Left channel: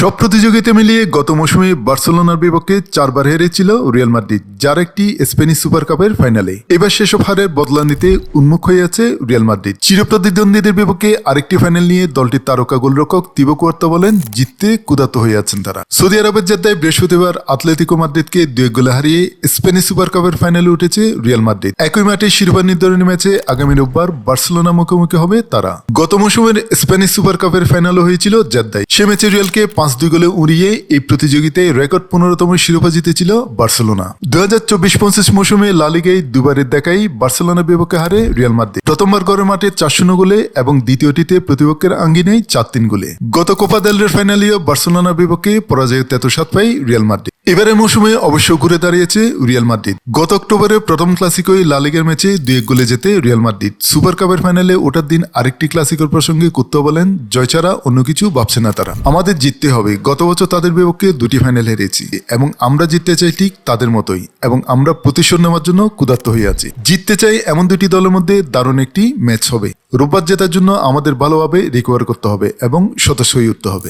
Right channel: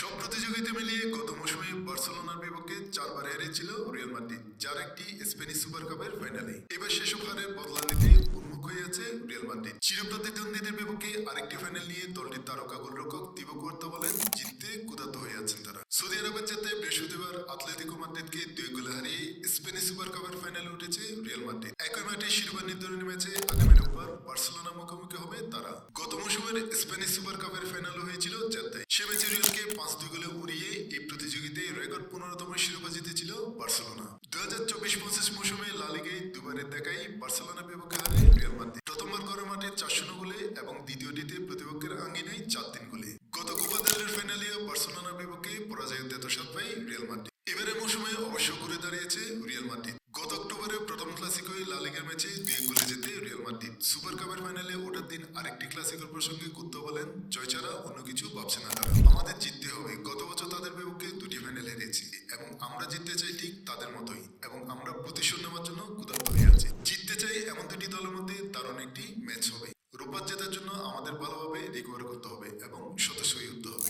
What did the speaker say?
সব প্রতিযোগিতা মিলিয়ে গত মৌসুমে বার্সেলোনার বিপক্ষে 4 বার হেরেছিল রিয়াল মাদ্রিদ, যার একটি স্প্যানিশ সুপার কাপের ফাইনালে। এবার সেসব হারের বদলা নিতে উন্মুখ হয়ে আছে রিয়াল মাদ্রিদ। চিরপ্রতিদ্বন্দ্বীদের বিপক্ষে আরেকটি ফাইনাল নিয়ে দলটির তারকা গোলরক্ষক তিবো কুয়ার্তা বলেন, জিততে ক্ষুধার্ত হয়ে আছেন তারা। সৌদি আরবের জেদ্দায় বৃহস্পতিবার আতলেতিকো মাদ্রিদকে 2 গোলে হারিয়ে স্প্যানিশ সুপার কাপের ফাইনালে উঠেছে রিয়াল মাদ্রিদ। একই মাঠে শিরোপা নির্ধারণী ম্যাচে আগামী রোববার বার্সেলোনা মুখোমুখি হবে তারা। গত মৌসুমের স্প্যানিশ সুপার কাপের ফাইনালও হয়েছিল জেদ্দায়। সে ম্যাচে রিয়ালকে 5-2 গোলে উড়িয়ে এই প্রতিযোগিতায় রেকর্ড 15তম শিরোপা জিতেছিল বার্সেলোনা। 2024-25 মৌসুমে লা লিগায় দুবারের দেখাই বার্সেলোনার বিপক্ষে হারে রিয়াল মাদ্রিদ। প্রথমবার ঘরের মাঠে 4-0 গোলে এবং দ্বিতীয়টিতে প্রতিপক্ষের আঙ্গিনায় 4-3 গোলে। গত কোপা দেল রের ফাইনালেও বার্সেলোনার বিপক্ষে পরাজয়ের তেতস্বাদ পায় রিয়াল মাদ্রিদ। এবারের মৌসুমে অবশ্য ঘুরে দাঁড়িয়েছে রিয়াল মাদ্রিদ। গত অক্টোবরে প্রথম ক্লাসিকোয় লা লিগার ম্যাচে 2-1 গোলে জেতে রিয়াল মাদ্রিদ। সুপার কাপের ফাইনালে ওঠার দিন আরেকটি ক্লাসিকোর প্রসঙ্গে কুত্তা বলেন, জয় ছাড়া অন্য কিছু ভাবছে না তারা। আমাদের জিততে হবে। গত বছর তাদের বিপক্ষে 2টি ফাইনাল হেরেছি এবং আমরা জিততে চাই ঠিক তাদের মতোই, এবং আমরা প্রতিশোধ নেওয়ার জন্য ক্ষুধার্ত হয়ে আছি। জিততে চাই এমন 2টি দলের মধ্যে দারুণ একটি ম্যাচ হবে। রোববার জেতার জন্য আমাদের ভালোভাবে রিকভার করতে হবে এবং সদস্য হয়ে উঠতে হবে।